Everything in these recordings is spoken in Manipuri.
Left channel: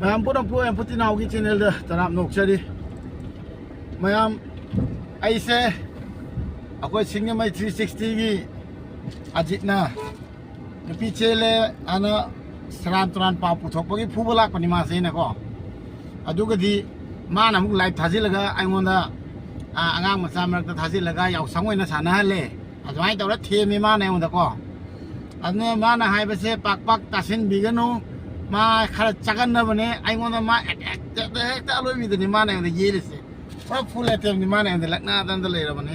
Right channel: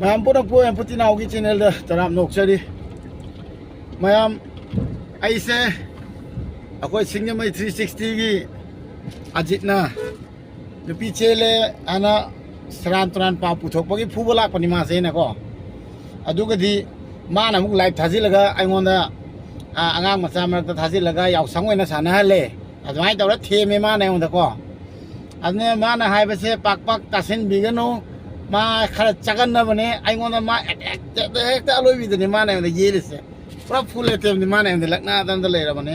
मैम पुनः पुएं पुतिनाव की चैनल द तराम नोक्चरी मैम ऐसे अकोई सिंगमई 360 की अजितना नुपी चेले आना सरान तुरान पाव पुथोकपगी फुबो लाकपनि मासे नको अदुगदि माना मुक लाइव थाजिलगा आइंगोंदा आंगांग मचा मरकता थाजिलगा यावसांग ओइना सानहले अदुमाइ तौरा थेमे माना आइंगोंदा अदने माना हाइबसे पाक पाक तासिन बिगनो मा खरा चगन्नबने आइंगोंदा मा हेक्टा लोइबिदनि माना आइंगोंदा येलिसे पूरा फुल एटेमनि माना आइंगोंदा लकना दंदा लेरबने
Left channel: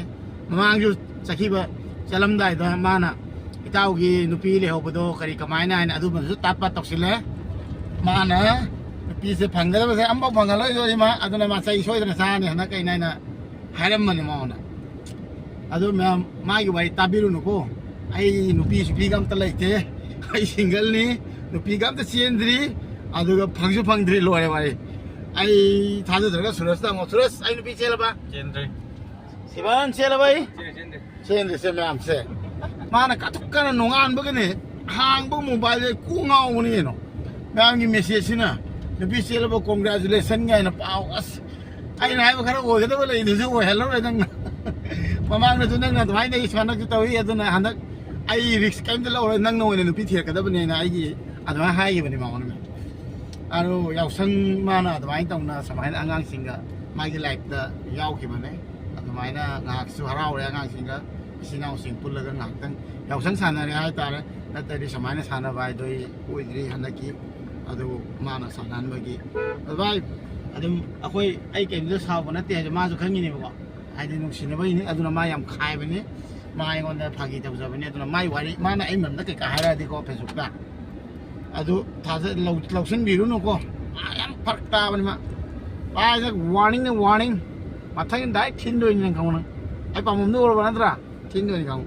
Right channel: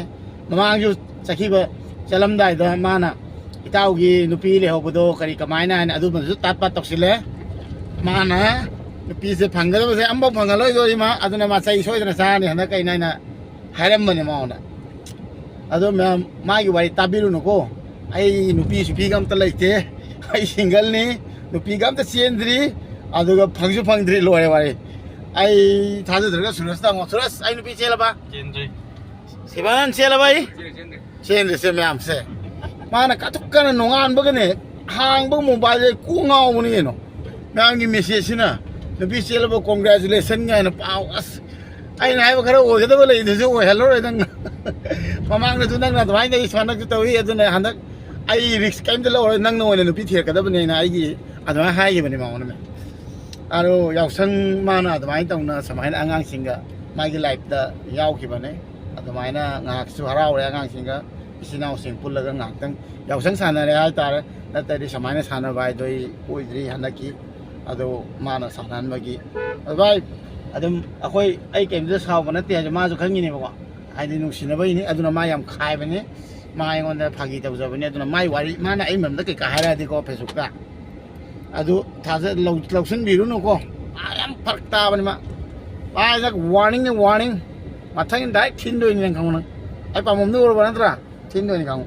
ममांगजु चखिबा चलमदाइदा माना इताउगी नुपी लेहोबदो करी कमायना हाइन अदुबसु तापा तक्सिले माना नुपी से फंगदबसे अम्बो फंगलोइदोरि मा अदुना मा सै सोइदना सानि हना कैनाइना हाइरमबने माउना अदो मैम मागी वारी ताबिरुनुको आई नुपी सुपी गम त लैते आई सिंगल नि नुपी गम त चेंद्री अदुगा फंगजु फंगद्री लोरे वारी आई थाजद्रगा सुरस ता सुरस आई नुपी चेलबा चेंद्री सिबान चेलबा आई चेंद्री से मैम से माना काटुकना नोंगान बगने हांग बग मोबाइल जे कुंगाव मुनि नो मैम की मेसेज ना नुपी चेलबा कांग्रेचुलेशन गायना पाव अस आई नाइबा खरा ओगदबा लेदसु ओ हेलो रे नंग ममांग न नंग न दवाई दे सनक तवी अदुना हनक आई रिस्क काइम द लौर नंग नोने नुपी थेरकदबने ना आई की अदमा हाइबने मावने में आरो यावसंग माना अदमाइ तौना समाइना आंगांग सिंगा मागी लाइफ दा यावखिबने अदमाइना ngaksu haraure आंगांग सिंगा इसिनाव सिंग पुल्लगा ngakhtang यावसंग सानरे हाय तारे नतरि समाइना साना बाय दोई ओइद्रि हनकी अदो माना सानानबगी भाई अदम अखोई आई केमजो सावब नते माजु खंगिने बको हाइदि नुसिनबैनि अदुना मा याम खाइबने मा आइगोंदा फागी तबजबने अदुना माइ वारी माना आई ममदा के का हारादि को फेसबुकता अदु थाजे लौसन बिरुनुको याम फरक ताबनि मा बायजक वार्निंग मथंग डाइ थिनदोनि नंग खाउन आई पाममदु ओरबा नत्रा थिनदोनि खाउ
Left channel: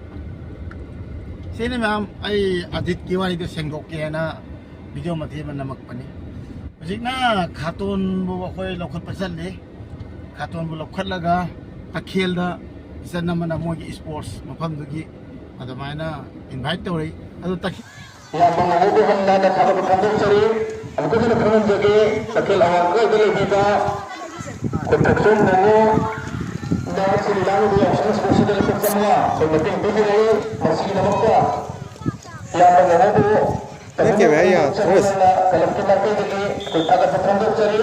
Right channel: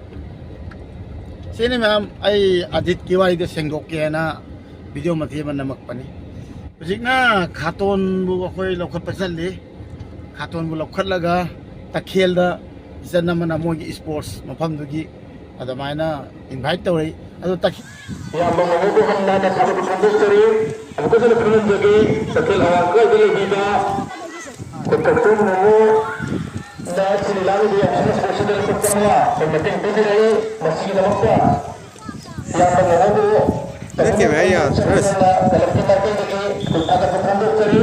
सेने मैम आई अजित की वारी दे सेंगोकेना वीडियो मथि मन नमक पनि हजिकना खातोन बु अखोय लौखत पसलले खातोन बु लौखतलगा तखेलदा जनमना मोगी स्पोर्ट्स मफमदुगी अदमाइना इनवाइट तौरै अदु तखि या बंगबु हमना ना खाबु खंगचरी अबको जन खनन जगे तखेल आर को दिले बिबा कोटक्सन ने दैट सिलांग दि एक्शन स्पेशल कोटकना सेमटिंग बिदिरे मसी नमक्ता या बंगबु देखिए भाई यार सरस कलेक्ट करते जगे कोटा का खंगचरी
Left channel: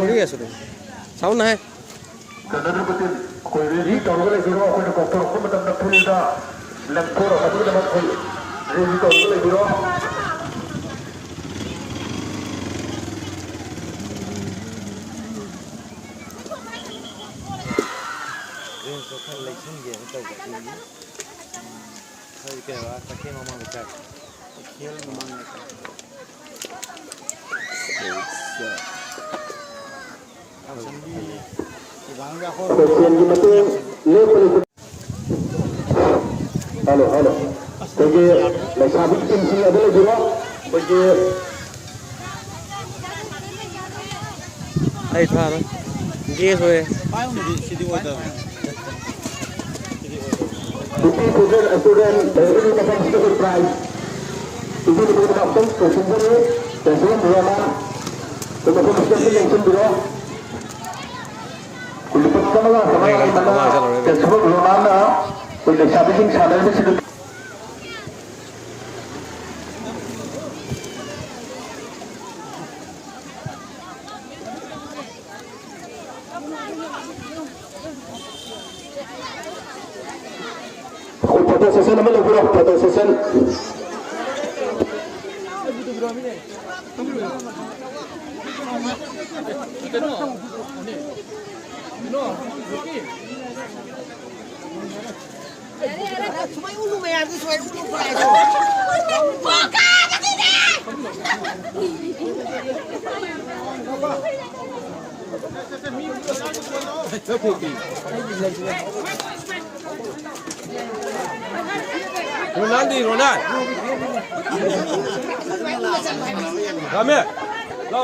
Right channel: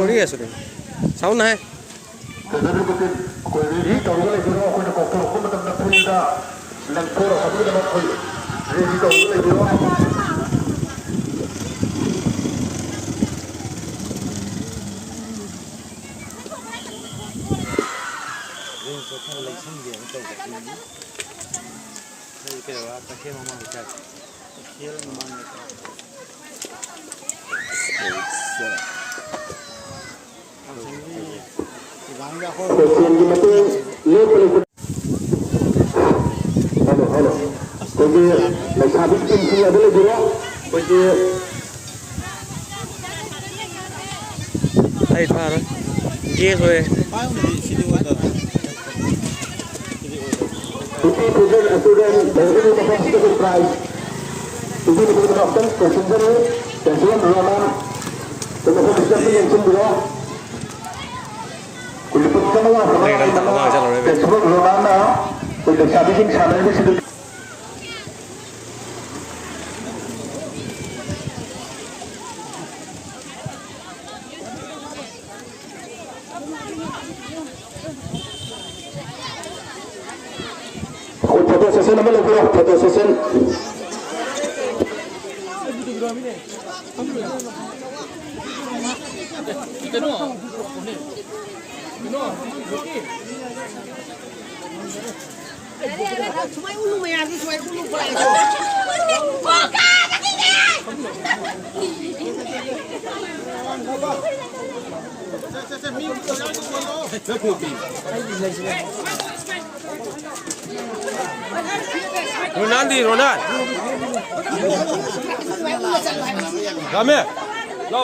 और ये सुनो साउंड है कदर को कोई रेडी टॉलर दिरो को डॉक्टर को मतलब नफिलदा लंथोर अदु नमक कोई रेडी टॉलर दिरो ये तो था इलेक्शन ये तो गई है के बाद तक के मामा का खेल मामा का Jadi lagi tim sini ada lagi lah. Jadi Đây pha rồi. Ghê rồi. Ini student dari dapat sedikit prize. Ini diberikan presenter presiden Roman. Kemudian presiden yang sendiri. Kulipat kamera kamera. Sebab Roman, kulipat sabihin channel ini sedikit. Foto session nama lagu lah, foto session. Ronaldo, Ronaldo. Kami. Lo.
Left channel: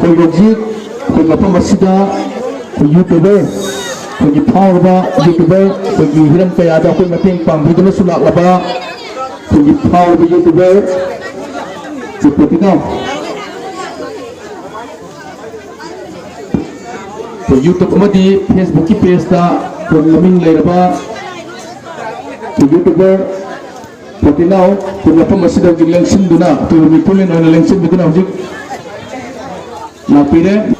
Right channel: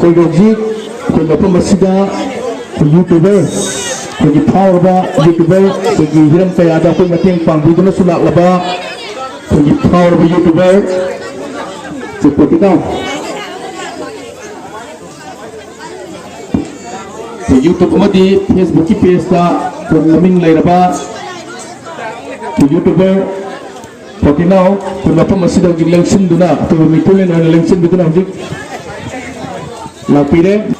Project program masida YouTuber bagi power YouTuber bagi hiram kaya ada pun makin panggilan sudah laba bagi power YouTuber seperti itu. YouTube mati Facebook page ta programming leraba YouTuber seperti itu program masida gilangsin duna atau mitulen ana lengsin duna hujik lapire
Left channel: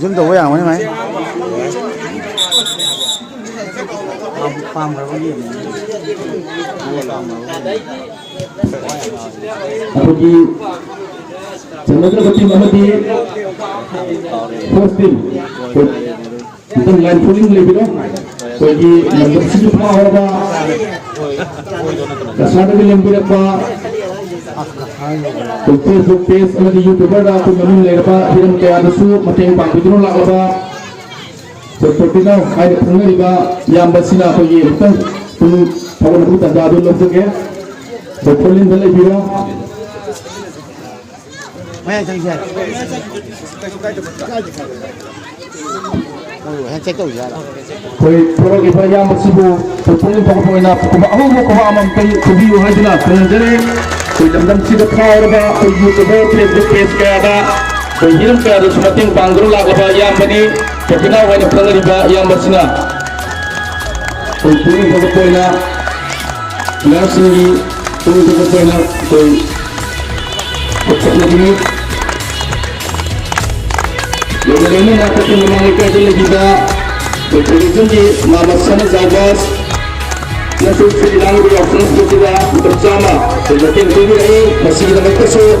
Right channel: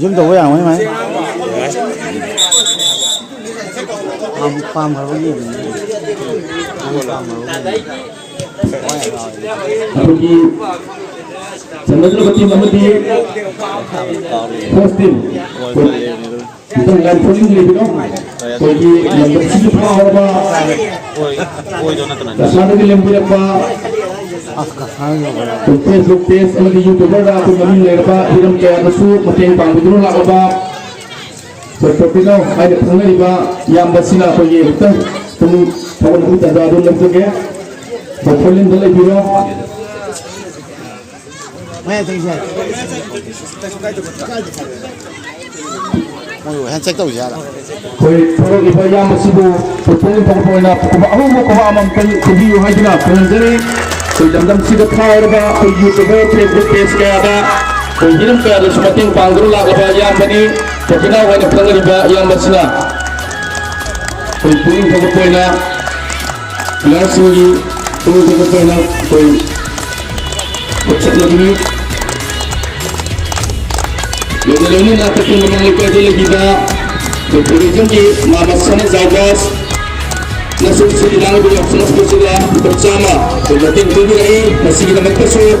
Zoom tàuอย่างไหมความพอดี bagi Chandrapati Mahadi posting itu lain polling lebih dong bagi lembar situ power apa kesana di lembar apa Facebook page lagi YouTuber aku namun lerba hiram kaya ada su makin panggilan lah apa seperti itu ada pengen iba yang bersila bagi itu kalau kita ada dulu lagi ke polling lebih dong Maya terjadi. Handshake tu je. Koi pro iba yang masih pokok na kuba amam video hajla penjere koi dam sida power ba koi YouTuber Facebook page ka ada koi hiram ka ada semakin panggilan lah apa yang bani terkena wajah pengen iba yang masih koi pokok na langsung pokok na koi Kecil lagi. Lalu nak kita mengenali kerja lebih dah. Kemudian ni nama sana zagas. Nasib sedang beropsi bersama bersama. Kemudian kita ini masih kita berkesuh.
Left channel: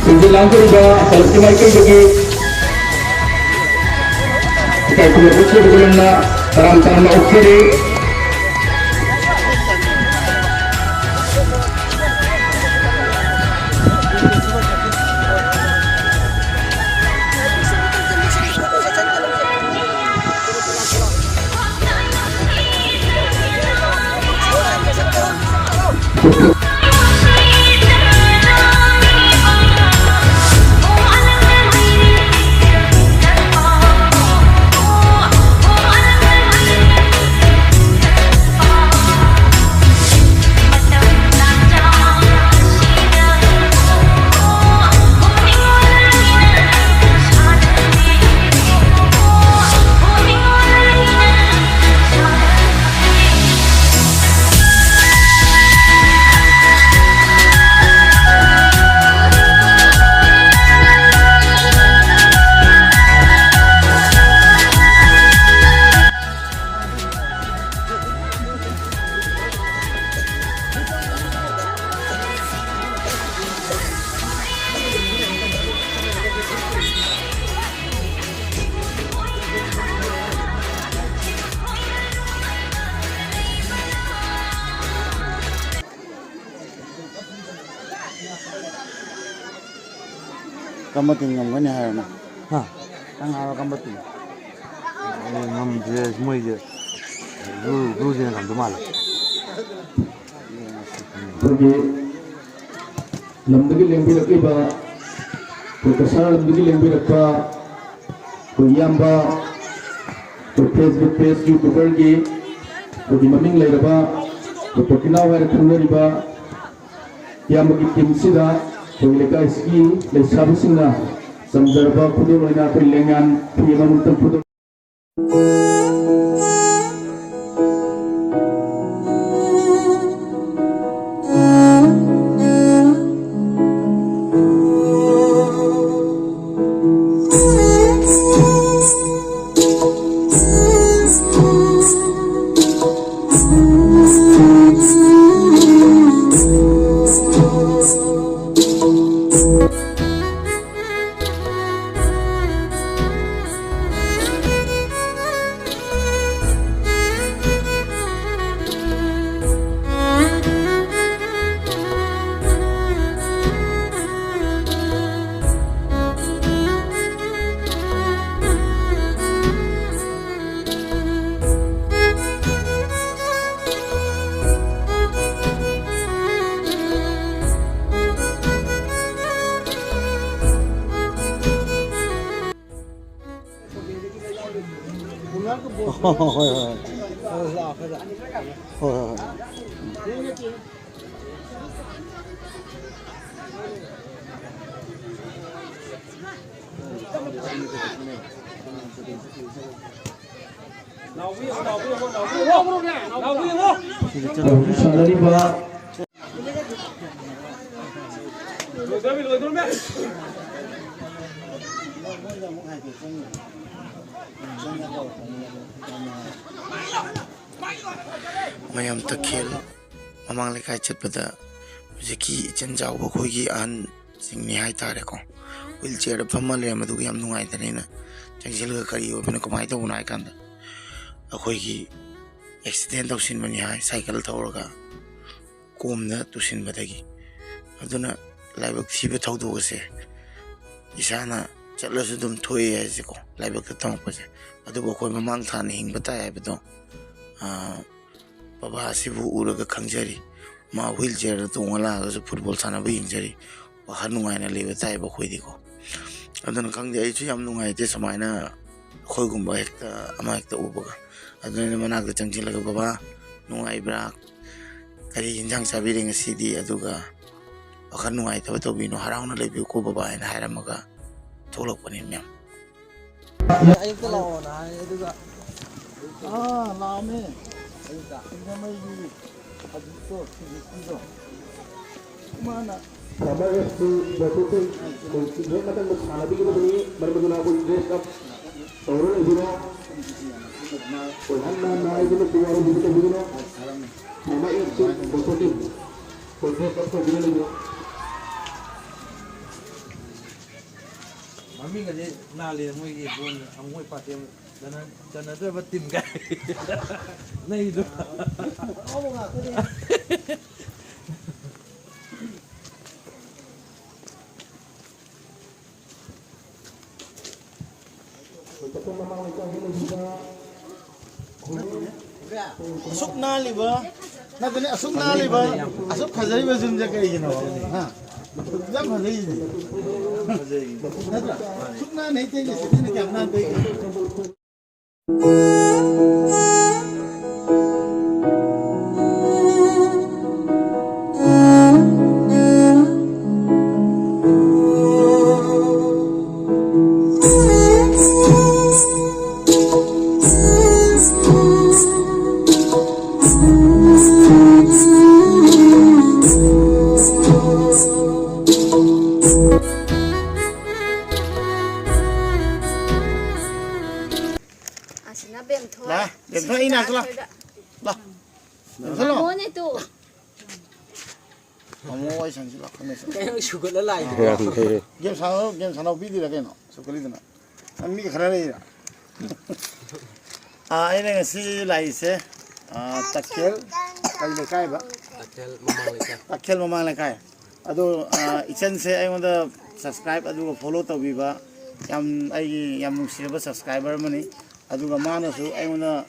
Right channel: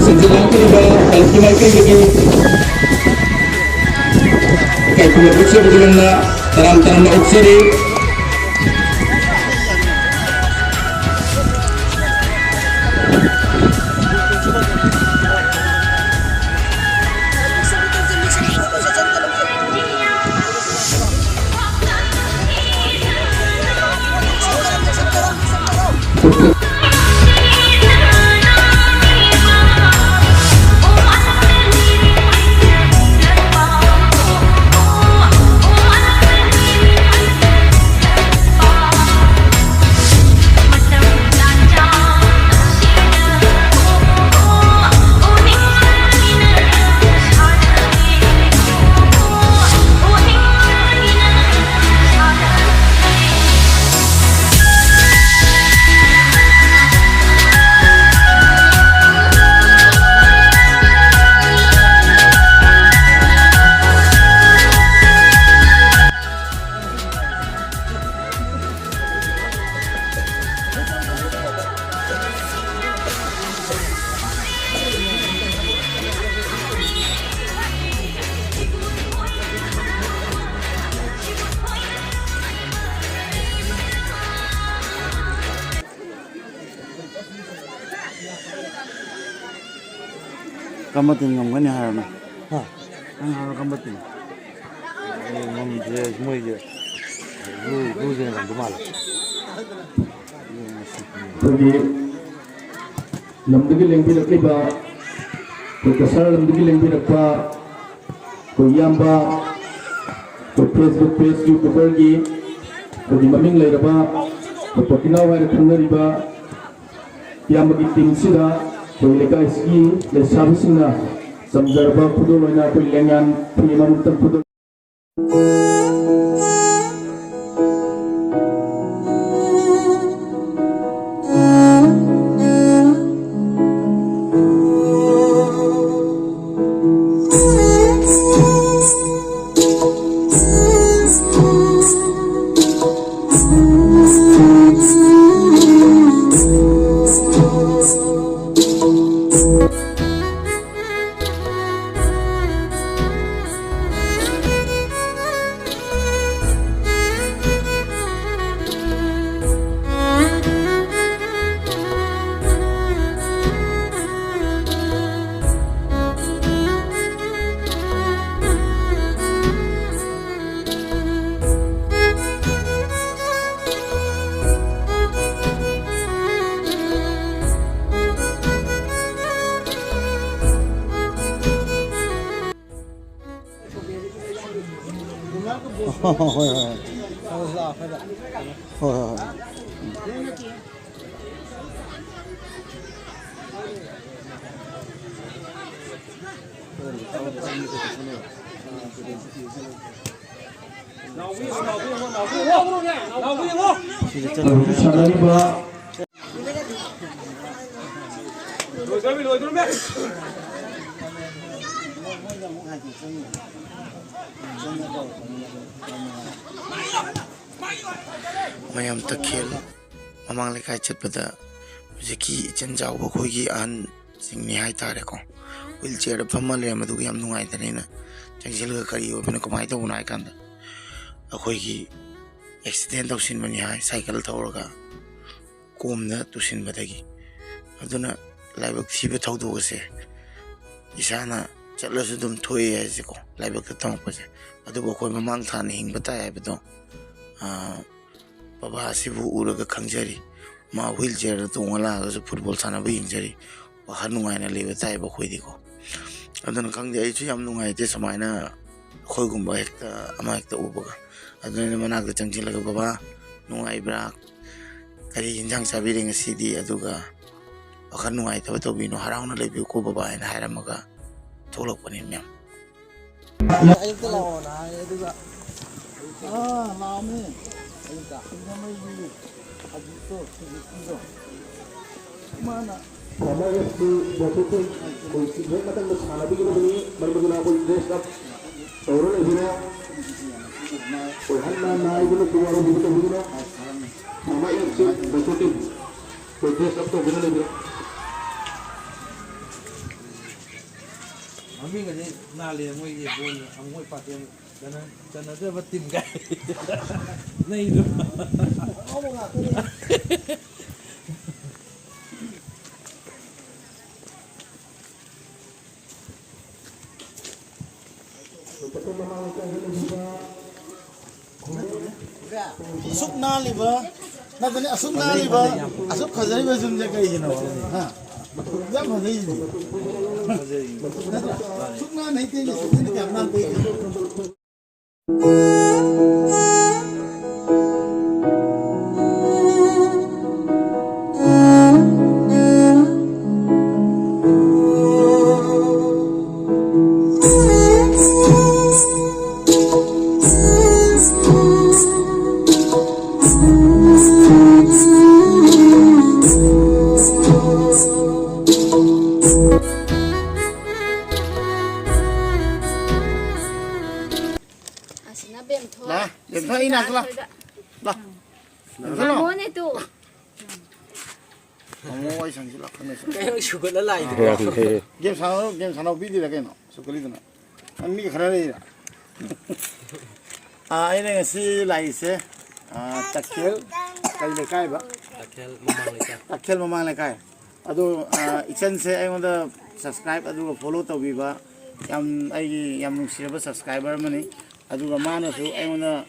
Senjalan kita kalau kita lagi. Kalau kita berkesuh bersama tanam oksiri. Kamu tinggal mana hari ni? Hah? Kan hari kamu tinggal. Ngam je semua je. Lu je làm đúng mal. Jadi lamdagi lengbi lakliba ko kasar lamdagi lengbi lakpa ko yamba ko Facebook page YouTuber gi ko di maming lairaba ko tokina wa khangariba yamagi team sida ko lega ski le sabusina samjarba kudu loina ko lengan piyama mutam kudu mayam takhel mamang lekai chatpada jeki chen jawba khoigi an singni hai tare ko wheelchair phamma le madu yam nungai tanina changjel ga kari obina komai to unai kan akhoigi accident tawsin mani hai cycle thawraga komna tusin badagi aduna laibak thibe thawdu se isana chatlasu dum thoi ai se ko laibak ta tang pase adu bo khoi mamang thana hing bata ai bedo Baba sibu uraga khangjari ma wheelchair to ngala ga football sana ba yingjari wa hanungai na leba tai ba khoidi ko adana khangde ai chu yam nungai te samaina khoi gumba hekta ama hekta ubaga adana manak da changjilaga baba nungai bra kari injang sabiri ngasidi aduga wa hanungai ta to bino harauna lebi ko baba ina haramaga tholok pani myam Ayun to lao na aduga. Lame. Ini mai ni. Adi to, ini to. Mana? Mami ngade nali mo ye bon amoy patem dana do batim ga. Nai do. Asuk nali ba? Nagani asuk nali ba? Asuk khazari ba zum jaga yino. Ha. Jam khazari ni. Asuk na nahi te ni sini jam na te. Lah, dem thôi ina lah. Lah. Dem thôi lo. Kamu ni tu. Kamu ai sang sila kena. Sugar la lai. Game sana video lagi no. Sukali tu na. Ani khara le. Ini ngasi lai se. Takel kai le kai ba. Akel mamang leka. Takel mamang le kai. ꯑꯗꯣ ꯏꯆꯟꯁꯦ ꯑꯩꯉꯣꯟꯗ ꯁꯕꯁꯀ꯭ꯔꯥꯏꯕ ꯑꯗꯨꯒ ꯐꯣꯂꯣ ꯇꯧꯕꯤꯕ ꯑꯩꯒꯤ ꯌꯥꯝ ꯅꯨꯡꯁꯤꯔꯕ ꯁꯕꯁꯀ꯭ꯔꯥꯏꯕꯔ ꯑꯃꯅꯤ ꯑꯗꯨꯒ ꯃꯥꯅꯁꯨ ꯑꯩꯉꯣꯟꯗ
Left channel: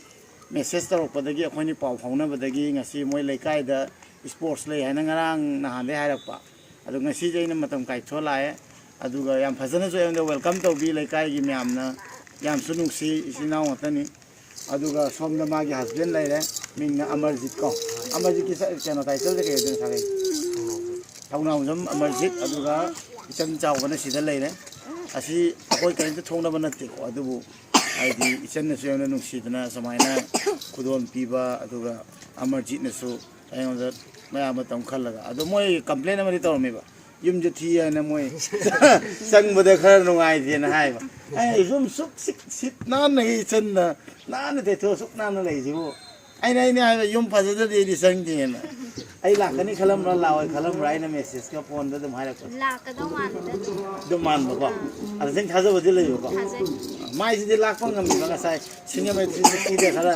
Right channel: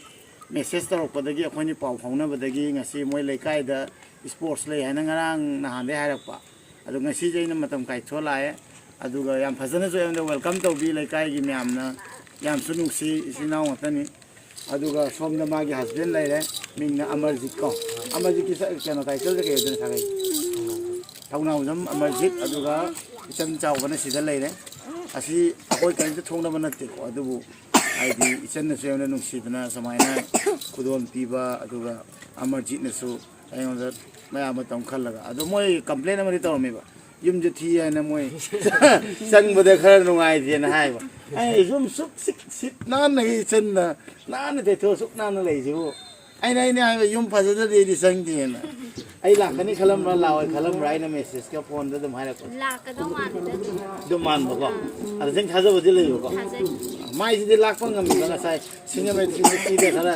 ꯃꯦꯁꯦꯖ ꯇꯧꯔꯛꯄꯗꯒꯤ ꯑꯩꯈꯣꯏꯅ ꯄꯥꯎ ꯐꯥꯎꯅꯕꯗꯒꯤ ꯉꯁꯤ ꯃꯣꯏ ꯂꯩꯀꯥꯏꯗ ꯁ꯭ꯄꯣꯔꯠꯁ ꯂꯩ ꯍꯥꯏꯅ ꯉꯔꯥꯡ ꯅꯍꯥꯟꯗꯩ ꯍꯥꯏꯔꯛꯄ ꯑꯗꯣ ꯉꯁꯤꯁꯦ ꯑꯩꯅ ꯃꯇꯝ ꯀꯥꯏꯊꯣꯛꯑ ꯂꯥꯛꯑꯦ ꯑꯗꯨꯒ ꯌꯥꯝ ꯐꯖꯅꯁꯨ ꯑꯩꯉꯣꯟꯗ ꯋꯦꯜꯀꯝ ꯇꯧꯕꯤ ꯂꯩꯀꯥꯏꯒꯤ ꯃꯌꯥꯝꯅ ꯌꯥꯝꯁꯨ ꯅꯨꯡꯁꯤ ꯏꯆꯤꯟ ꯏꯅꯥꯎ ꯉꯥꯛꯇꯅꯤ ꯑꯗꯨꯒ ꯁꯣꯝꯗ ꯃꯥꯒꯤ ꯍꯁꯕꯦꯟ ꯂꯩꯔꯦ ꯃꯤꯡꯅ ꯑꯃꯔꯖꯤꯠ ꯀꯣ ꯑꯃꯔꯖꯤꯠꯀꯤ ꯀꯩꯅꯣ ꯇꯥꯏꯇꯜꯁꯦ ꯀꯩ ꯑꯣꯏꯗꯣꯏꯅꯣ ꯁꯥꯒꯩ ꯊꯧꯅꯥꯎꯖꯝ ꯑꯃꯔꯖꯤꯠ ꯑꯗꯨꯒ ꯏꯆꯟ ꯆꯥꯎꯕꯅ ꯁꯤꯗ ꯂꯩꯔꯦ ꯑꯁꯤ ꯑꯩꯈꯣꯏ ꯀꯔꯤꯝꯇ ꯊꯣꯡꯅꯕ ꯅꯠꯇꯦꯀꯣ ꯑꯗꯨꯕꯨ ꯍꯥꯏꯗꯤ ꯏꯆꯟꯅꯁꯨ ꯌꯥꯝꯅ ꯅꯨꯡꯁꯤꯗꯅ ꯁꯨꯃꯥꯏꯅ ꯈꯨꯗꯣꯜ ꯄꯤꯕ ꯑꯗꯨꯒ ꯑꯃꯔꯖꯤꯠꯅꯁꯨ ꯑꯩꯉꯣꯟꯗ ꯃꯌꯥꯝ ꯃꯇꯝ ꯈꯜꯂꯒ ꯑꯗꯣ ꯃꯣꯏ ꯀꯝꯄ꯭ꯂꯦꯟ ꯑꯃꯗꯤ ꯇꯧꯔꯝꯃꯦꯕ ꯌꯨꯝꯁꯦ ꯊꯤ ꯍꯥꯏꯅ ꯃꯣꯏ ꯆꯪꯕꯗ ꯈꯔ ꯅꯨꯡꯉꯥꯏꯇꯦꯅ ꯍꯥꯏꯕ ꯑꯩ ꯌꯨꯝ ꯁꯨꯛ ꯁꯤꯠ ꯅꯥꯟꯅ ꯏꯆꯟꯅ ꯅꯥꯟꯅ ꯇꯩꯊꯣꯛꯑ ꯁꯨꯛ ꯅꯥꯟꯅ ꯂꯩꯁꯤꯕꯨ ꯑꯩꯅ ꯍꯥꯏꯕ ꯌꯨꯝ ꯐꯖꯗ꯭ꯔꯗꯤ ꯑꯩꯗꯤ ꯆꯪꯗꯦꯅ ꯑꯩ ꯂꯥꯛꯀꯅꯤ ꯈꯜꯂꯝꯕ꯭ꯔꯥ ꯂꯥꯛꯑꯣꯏ ꯈꯜꯂꯝꯕ꯭ꯔꯥ ꯑꯩꯅ ꯃꯦꯁꯦꯖꯀ ꯐꯣꯟꯗ ꯑꯗꯨꯝ ꯍꯥꯏꯔꯛꯄ ꯂꯥꯛꯀꯗꯧ ꯃꯥꯜꯂꯤꯗ ꯑꯗꯨꯝ ꯃꯥꯟꯕꯀꯣ ꯑꯗꯨ ꯅꯪ ꯊꯥꯖꯕꯗꯤ ꯂꯩꯕꯀꯣ ꯊꯥꯖꯩ ꯃꯥꯏꯁꯤꯗꯤ ꯂꯥꯛꯄ ꯉꯝꯃꯤꯕ ꯉꯁꯥꯏ ꯁꯤꯡꯖꯃꯩ 360ꯗ ꯈꯔ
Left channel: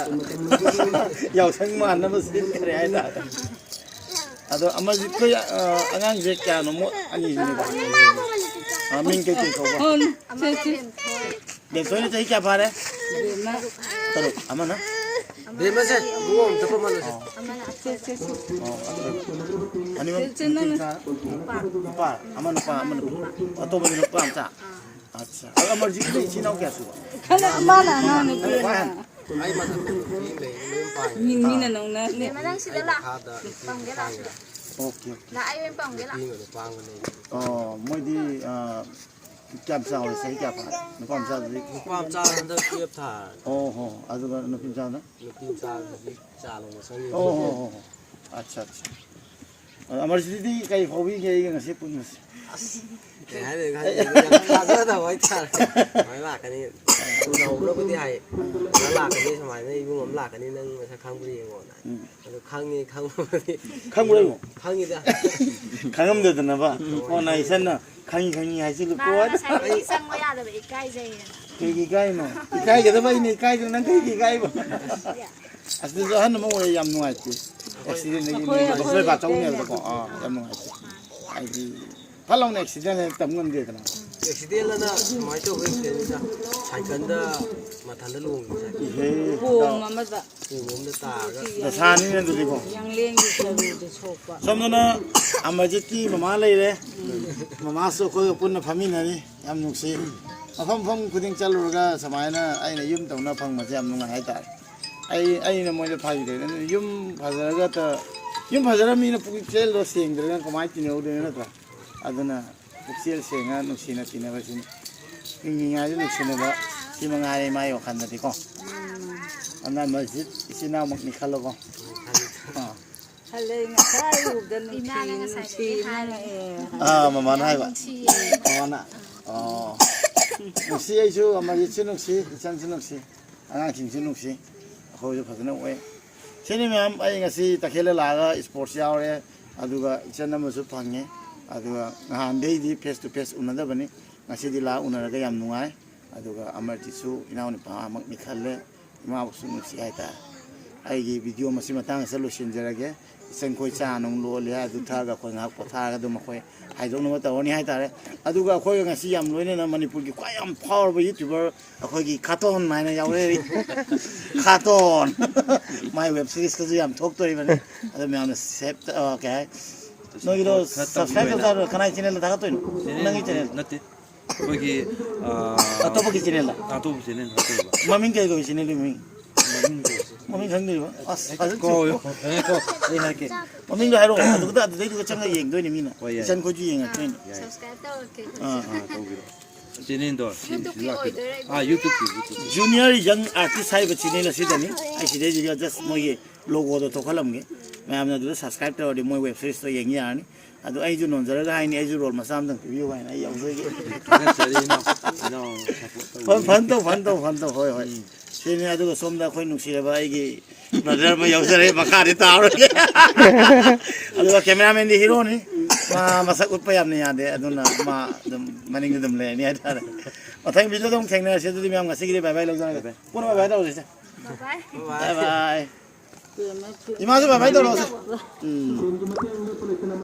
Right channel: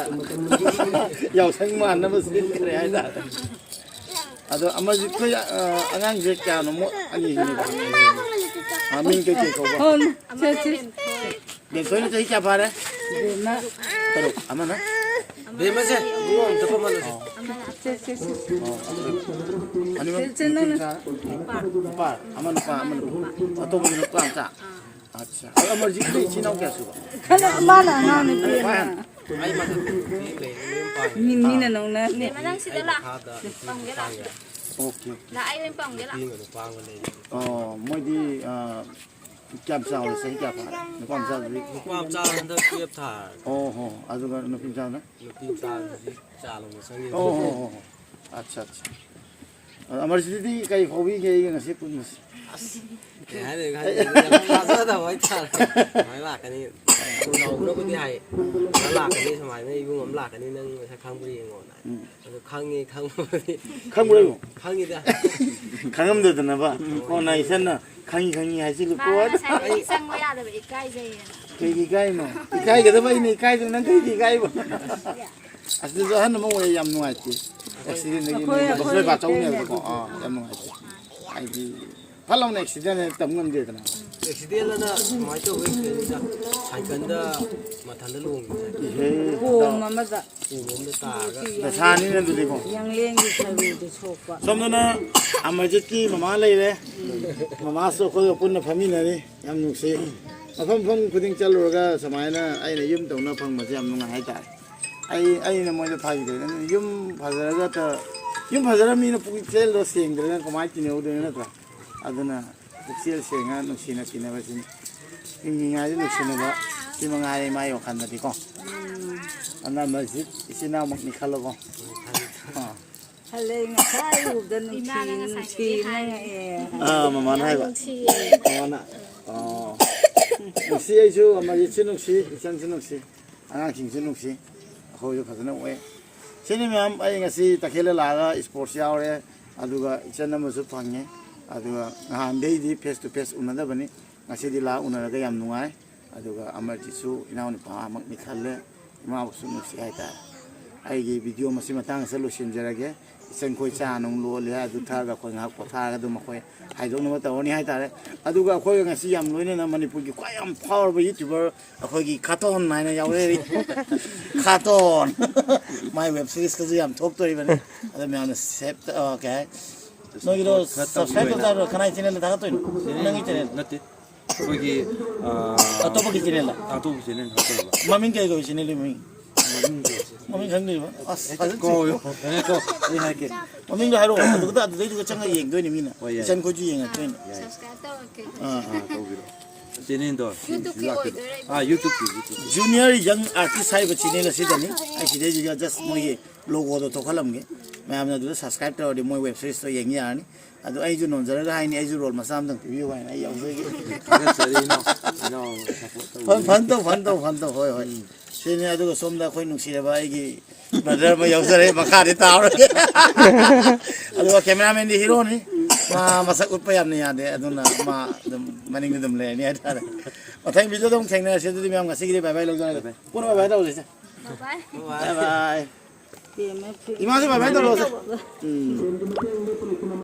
ꯌꯥꯎꯁꯪ ꯃꯥꯟꯅꯕ ꯁꯤꯟꯈ꯭ꯔꯦ ꯍꯥꯏꯇꯥꯔꯦ ꯑꯗꯣ ꯑꯃꯔꯖꯤꯠꯈꯣꯏ ꯑꯉꯥꯡꯁꯦ ꯀꯌꯥꯅꯣ ꯑꯅꯤꯁꯤꯅꯤꯀꯣ ꯃꯤꯡ ꯀꯩꯀꯩ ꯀꯧꯕ ꯑꯃꯅ ꯕꯦꯝꯊꯣꯏ ꯕꯦꯝꯊꯣꯏꯅ ꯆꯍꯤ ꯀꯌꯥ ꯐꯥꯔꯦ ꯇꯔꯨꯛ ꯑꯃꯅ ꯕꯦꯝꯃꯁꯦ ꯂꯨꯍꯣꯡ ꯆꯠꯄ ꯃꯥꯜꯂꯁꯦ ꯑꯃꯅ ꯑꯊꯣꯏꯕ ꯑꯅꯤꯃꯛ ꯅꯨꯄꯥ ꯑꯃ ꯅꯨꯄꯥ ꯑꯃ ꯅꯨꯄꯥ ꯑꯇꯣꯞꯄꯗꯤ ꯅꯨꯄꯥ ꯃꯆꯥ ꯑꯠꯆꯥ ꯑꯗꯣ ꯑꯃꯔꯖꯤꯠꯀꯤ ꯏꯆꯤꯟ ꯏꯅꯥꯎ ꯀꯌꯥ ꯁꯨꯕ ꯑꯩ ꯃꯊꯛꯇ ꯅꯨꯄꯤ ꯂꯩ ꯃꯌꯨꯝ ꯄꯥꯜꯂꯦ ꯃꯤꯅ ꯅꯧꯅ ꯕꯦꯝꯃ ꯅꯪ ꯁꯤꯗ ꯂꯥꯛ ꯄꯥꯝꯒꯦ ꯂꯥꯛ ꯁꯤꯗ ꯑꯣꯀꯦ ꯂꯥꯛ ꯑꯩ ꯑꯣꯏꯅ ꯄꯥꯝꯒꯦ ꯂꯥꯛ ꯄꯥꯡꯕ ꯂꯩ ꯃꯣꯏꯗꯤ ꯀꯌꯥꯝ ꯆꯥꯎꯔꯦ ꯆꯍꯤ ꯀꯌꯥ ꯐꯥꯔꯦ ꯅꯨꯄꯥ ꯃꯆꯥꯗꯨꯗꯤ ꯅꯨꯄꯥ ꯃꯆꯥ ꯍꯟꯗꯛ ꯇꯨꯌꯦꯜꯞ ꯊꯥꯔꯦ ꯑꯣ ꯍꯣ ꯑꯗꯨꯒ ꯅꯨꯄꯤ ꯃꯆꯥꯅ ꯅꯨꯄꯤ ꯃꯆꯥꯗꯨꯗꯤ ꯆꯥꯂꯣꯅ ꯆꯪꯉꯤ ꯑꯣ ꯍꯣ ꯑꯠꯆꯥ ꯑꯠꯆꯥ ꯑꯃꯔꯖꯤꯠꯗꯤ ꯀꯔꯤ ꯐꯥꯎꯕꯤꯒꯦ ꯑꯩꯒ ꯉꯁꯤ ꯄꯨꯟꯕꯁꯦ ꯀꯩ ꯍꯥꯏꯗꯣꯏꯅꯣ ꯌꯥꯝ ꯊꯥꯖꯗꯕ ꯍꯥꯏꯇꯥꯔꯦ ꯁꯨꯃꯥꯏꯅ ꯂꯥꯛꯀꯅꯤ ꯅꯧꯅꯕꯨꯗꯤ ꯍꯥꯏ ꯅꯪ ꯂꯥꯛꯀꯅꯤ ꯁꯨꯃꯥꯏꯅ ꯏꯕꯨꯡ ꯑꯃ ꯂꯥꯛꯀꯅꯤ ꯅꯪ ꯃꯁꯛ ꯈꯪꯕ꯭ꯔꯥ ꯌꯦꯡꯉꯣꯅ ꯑꯗꯣ ꯈꯪꯉꯤ ꯈꯪꯕꯗꯤ ꯈꯪꯕ꯭ꯔꯣ ꯈꯪꯉꯤꯗ ꯈꯪꯉꯝꯗꯗꯅꯕ ꯀꯣꯟꯅ ꯏꯆꯟꯅ ꯈꯪꯉꯤ ꯍꯥꯏꯁꯤꯜꯂꯨꯀꯣ ꯃꯥꯅ ꯉꯁꯥꯏꯗꯒꯤ ꯆꯪꯕ ꯌꯥꯗꯕ ꯏꯀꯥꯏꯖꯩꯌꯦꯅ ꯀꯩꯒꯤ ꯏꯀꯥꯏꯅꯣ ꯏꯀꯥꯏꯒꯗꯕ ꯑꯩꯅ ꯏꯀꯥꯏꯗꯣ ꯅꯪ ꯀꯩꯒꯤ ꯏꯀꯥꯏꯕ ꯑꯁꯤꯗꯁꯨ ꯑꯍꯟ ꯑꯃ ꯑꯣꯏꯌꯦ ꯌꯥꯝ ꯅꯨꯡꯉꯥꯏꯇꯦ ꯑꯦꯛꯁꯤꯗꯦꯟꯗꯒꯤ ꯕꯛꯁꯣꯏ ꯕꯥꯆꯧꯅꯦ ꯍꯥꯏꯕꯗꯀꯣ ꯌꯥꯝ ꯅꯨꯡꯉꯥꯏꯇꯦ ꯍꯥꯏꯗꯤ ꯐꯠ ꯂꯥꯎꯅ ꯑꯦꯛꯁꯤꯗꯦꯟ ꯇꯝ ꯉꯝꯗꯦꯗꯅ ꯑꯦꯛꯁꯤꯗꯦꯟꯠ ꯑꯅ ꯁꯨꯃꯥꯏꯅ ꯇꯧꯕ ꯑꯦꯛꯁꯤꯗꯦꯟꯠꯅꯤꯗ ꯁꯥꯏꯀꯜꯗ ꯃꯊꯟꯗ ꯂꯣꯡꯉꯤꯁꯦ ꯏꯍꯦ ꯄꯣꯝ ꯑꯃꯗ ꯎꯃꯣꯝꯗ ꯇꯥꯔꯒ ꯗꯁꯥꯅꯤꯅꯦ ꯑꯗꯨꯗꯤꯀꯣ ꯌꯥꯡꯂꯦꯟꯒꯤ ꯁꯔꯨꯗ ꯁꯣꯛꯄ ꯁꯣꯝꯗꯅ ꯑꯃꯔꯖꯤꯠꯀꯤ ꯃꯃꯥ ꯂꯩꯔꯦ ꯃꯃꯥꯁꯨ ꯑꯩꯈꯣꯏꯒ ꯄꯨꯟꯅ ꯐꯝꯃꯤꯟꯅꯔꯤ ꯌꯥꯝ ꯅꯨꯡꯁꯤ ꯃꯐꯝ ꯈꯨꯗꯤꯡ ꯆꯠꯂꯨꯔꯒ ꯁꯨꯃꯥꯏꯅ ꯑꯩꯅ ꯌꯨꯝ ꯇꯧꯅ ꯐꯪꯕꯁꯦ ꯌꯥꯝ ꯅꯨꯡꯉꯥꯏ ꯍꯥꯏꯇꯥꯔꯦ ꯑꯩꯅ ꯃꯣꯏꯗ ꯐꯥꯈꯤꯗꯣꯏꯅꯦ ꯌꯨꯝ ꯐꯖꯔꯒ ꯌꯨꯝ ꯐꯖꯔꯕꯅꯤꯅ ꯄꯨꯛꯆꯦꯜꯗꯣ ꯁꯦꯡꯗ꯭ꯔꯒ ꯀꯃꯥꯏꯅ ꯇꯤꯟꯅꯧꯗꯣꯏꯅꯣ ꯅꯠꯇ꯭ꯔꯥ ꯑꯗꯨꯅ ꯄꯨꯛꯆꯦꯜ ꯁꯦꯡꯉ ꯅꯨꯡꯁꯤꯅ ꯇꯤꯟꯅꯕꯁꯤꯅꯤ ꯍꯤꯡꯉꯤꯉꯩꯗ ꯅꯨꯡꯁꯤꯅꯕ ꯁꯤ ꯃꯉꯥꯏꯔꯦ ꯃꯥꯒꯤ ꯋꯥꯈꯜꯗꯗꯤꯀꯣ ꯑꯗꯨꯅ ꯑꯃꯔꯖꯤꯠ ꯏꯆꯤꯟ ꯏꯅꯥꯎꯃꯛꯅꯤ ꯈꯜꯂꯣꯀꯣ ꯈꯜꯂꯦ ꯉꯁꯥꯏ ꯎꯕꯗ ꯏꯃꯥꯅ ꯉꯁꯥꯏꯗꯒꯤ ꯅꯨꯡꯁꯤꯅ ꯃꯃꯥꯅ ꯍꯥꯏꯕ ꯅꯨꯡꯁꯤꯌꯦ ꯃꯃꯥꯅ ꯅꯨꯡꯁꯤ ꯑꯩꯁꯨ ꯑꯃꯔꯖꯤꯠꯁꯨ ꯅꯨꯡꯁꯤ ꯏꯆꯟꯁꯨ ꯅꯨꯡꯁꯤ ꯑꯉꯥꯡꯁꯤꯡꯁꯨ ꯅꯨꯡꯁꯤ ꯑꯩꯈꯣꯏꯁꯨ ꯐꯖꯅ ꯑꯣꯏ ꯁꯤꯅꯤ ꯃꯌꯥꯝ ꯑꯩ ꯉꯁꯤ ꯇꯈꯦꯜꯗ ꯂꯥꯛꯑꯒ ꯏꯁꯄꯣꯔꯠꯁ ꯌꯥꯎꯔꯦ ꯑꯗꯨꯒ ꯏꯆꯟ ꯑꯃꯁꯨ ꯐꯪꯉꯦ ꯑꯗꯨꯒ ꯅꯍꯥꯟꯗꯩꯗꯤ ꯐꯦꯁ ꯇꯨ ꯐꯦꯁ ꯎꯅꯗꯕꯅꯤ ꯉꯁꯤꯗꯤ ꯂꯥꯛ ꯎꯅꯔꯒ ꯌꯥꯝ ꯅꯨꯡꯉꯥꯏ ꯑꯗꯨꯒ ꯑꯃꯔꯖꯤꯠꯁꯨ ꯏꯅꯥꯎꯅꯨꯄꯥꯃꯛꯅꯤ ꯈꯜꯂꯦ ꯏꯃꯥꯕꯨꯁꯨ ꯅꯨꯡꯁꯤ ꯍꯥꯏꯇꯥꯔꯦ ꯑꯩꯒꯤ ꯚꯤꯗꯤꯑꯣ ꯃꯁꯤ ꯃꯇꯥꯡ ꯑꯁꯤꯗ ꯂꯣꯏꯁꯤꯟꯖꯔꯒꯦ ꯏꯆꯟꯈꯣꯏ ꯆꯥ ꯅꯨꯡ ꯂꯣꯜꯂꯦ ꯑꯗꯨ ꯊꯛꯑꯒ ꯑꯩꯈꯣꯏ ꯉꯥꯏꯍꯥꯛ ꯄꯣꯊꯥꯔꯒ ꯑꯗꯨꯝ ꯑꯩꯈꯣꯏ ꯍꯥꯏꯗꯣꯛꯅꯕ ꯇꯧꯔꯅꯤ ꯍꯥꯏꯇꯥꯔꯦ ꯑꯗꯨꯒ ꯑꯩꯈꯣꯏꯒ ꯉꯁꯤ ꯌꯥꯝ ꯂꯣꯏꯅꯅ ꯃꯅꯤꯄꯨꯔꯒꯤ ꯈ꯭ꯋꯥꯏ ꯌꯥꯝ ꯐꯥꯎꯔꯕ ꯌꯨꯇ꯭ꯌꯨꯕꯔ ꯑꯩꯈꯣꯏꯒꯤ ꯈꯥꯇꯣꯟ ꯍꯥꯏꯅ ꯌꯥꯎꯔꯛꯏ ꯈꯥꯇꯣꯟ ꯃꯥꯏ ꯋꯦꯕ ꯁꯤꯔꯤꯁꯀꯁꯨ ꯌꯥꯝ ꯊꯣꯛꯇꯣꯔꯤꯕꯅꯤ ꯑꯗꯨ ꯃꯌꯥꯝꯅ ꯁꯦꯞ ꯀꯩ ꯍꯥꯏ ꯅꯣꯏꯒꯤꯗꯣ ꯁꯕꯁꯀ꯭ꯔꯥꯏꯕ ꯇꯧꯇꯥꯔꯣ ꯀꯅꯥꯒꯤ ꯆꯦꯅꯦꯜꯗ ꯊꯥꯒꯠꯇꯣꯏꯅꯣ ꯅꯪꯒꯤ ꯆꯦꯅꯦꯜ ꯅꯠꯇꯦ ꯑꯩꯈꯣꯏꯒꯤ ꯑꯇꯣꯞꯄꯒꯤ ꯆꯦꯅꯦꯜꯗ ꯑꯇꯣꯞꯄ ꯆꯦꯅꯦꯜ ꯍꯥꯞꯆꯔꯕ ꯃꯃꯤꯡ ꯀꯩ ꯀꯧꯏ ꯆꯦꯅꯦꯜꯒꯤ ꯃꯃꯤꯡ ꯃꯃꯤꯡꯗꯣ ꯃꯃꯤꯡ ꯈꯪꯗ꯭ꯔꯤꯕ ꯑꯁ ꯐꯖꯅ ꯀꯧꯌꯣ ꯑꯩ ꯍꯥꯏꯔꯛꯀꯦ ꯃꯃꯤꯡꯗꯣ ꯍꯥꯏꯔꯛꯑꯣ ꯑꯗꯨꯗꯩꯗꯨꯒ ꯆꯪꯉꯒ ꯌꯦꯡꯗꯣꯏꯅꯤ ꯃꯤꯅ ꯍꯣꯏ ꯌꯥꯏ. ꯏꯆꯟ ꯈꯣꯏꯁꯨ ꯌꯦꯡꯉꯛꯇꯣꯏꯅꯤ ꯁꯕꯁꯀ꯭ꯔꯥꯏꯕ ꯇꯧꯔꯛꯀꯦ ꯇꯧꯕꯤꯔꯣ ꯆꯦꯅꯦꯜꯗꯣ ꯌꯨꯇꯨꯕꯀꯤ ꯑꯣꯏꯗꯣꯏꯔꯥ ꯌꯨꯇꯨꯕꯀꯤ ꯖꯨꯅꯤꯌꯔ ꯌꯪ ꯑꯥꯔꯇꯤꯁ ꯍꯥꯏꯕ ꯆꯦꯅꯦꯜ ꯑꯁꯤꯗꯅꯤ ꯑꯩ ꯁꯤꯗꯩꯁꯤꯗ ꯖꯁ ꯃꯣꯏꯒꯤ ꯂꯣꯒꯣꯗꯣ ꯊꯣꯛꯍꯜꯂꯝꯒꯦ ꯃꯌꯥꯝꯅ ꯑꯗꯨꯗ ꯁꯕꯁꯀ꯭ꯔꯥꯏꯕ ꯇꯧꯔꯗꯤ ꯃꯣꯏ ꯋꯦꯕ ꯁꯤꯔꯤꯁꯇꯣ ꯌꯦꯡ ꯌꯥꯔꯅꯤ ꯑꯗꯣ ꯑꯩꯁꯨ ꯅꯣꯟꯖꯔꯒ ꯍꯥꯏꯅꯤ ꯑꯩꯁꯨ ꯔꯣꯜ ꯃꯆꯥ ꯑꯃꯇꯪ ꯄꯤꯕꯤꯌꯨ ꯍꯥꯏꯅ ꯑꯩ ꯌꯥꯎꯖꯒꯦ ꯐꯟ ꯇꯧ ꯍꯣꯏ ꯍꯣꯏ ꯁꯤꯅꯤ ꯑꯗꯨꯒ ꯁꯣꯝꯗ ꯑꯩꯈꯣꯏ ꯅꯨꯡꯁꯤꯔꯕ ꯑꯩꯒꯤ ꯕ꯭ꯔꯗꯔ ꯑꯃ ꯌꯥꯎꯖꯔꯦ ꯃꯈꯥꯗꯤ ꯇꯥꯎꯔꯒꯦ ꯑꯗꯨꯒ ꯀꯦꯃꯦꯔꯥꯃꯦꯟꯗꯤ ꯍꯤꯔꯣꯅꯤ ꯃꯥ ꯃꯁꯛ ꯎꯠꯄ ꯌꯥꯝꯅ ꯌꯥꯗꯦ ꯑꯗꯨꯅ ꯃꯥ ꯑꯗꯨꯝ ꯃꯅꯤꯡꯗ ꯑꯗꯨꯝ ꯂꯩꯔꯅꯤ ꯍꯥꯏꯇꯥꯔꯦ ꯃꯊꯪ ꯚꯤꯗꯤꯑꯣꯗ ꯑꯃꯨꯛ ꯊꯦꯡꯅꯔꯁꯤ ꯑꯗꯨꯗꯤ ꯃꯌꯥꯝ ꯉꯁꯤꯒꯤꯗꯤ ꯕꯥꯏ ꯕꯥꯏ ꯂꯧꯖꯔꯒꯦ ꯄꯨꯟꯅ ꯕꯥꯏ ꯕꯥꯏ ꯇꯧꯔꯁꯦ ꯕꯥꯏ ꯕꯥꯏ ꯕꯥꯏ 이마저 봐봐, 너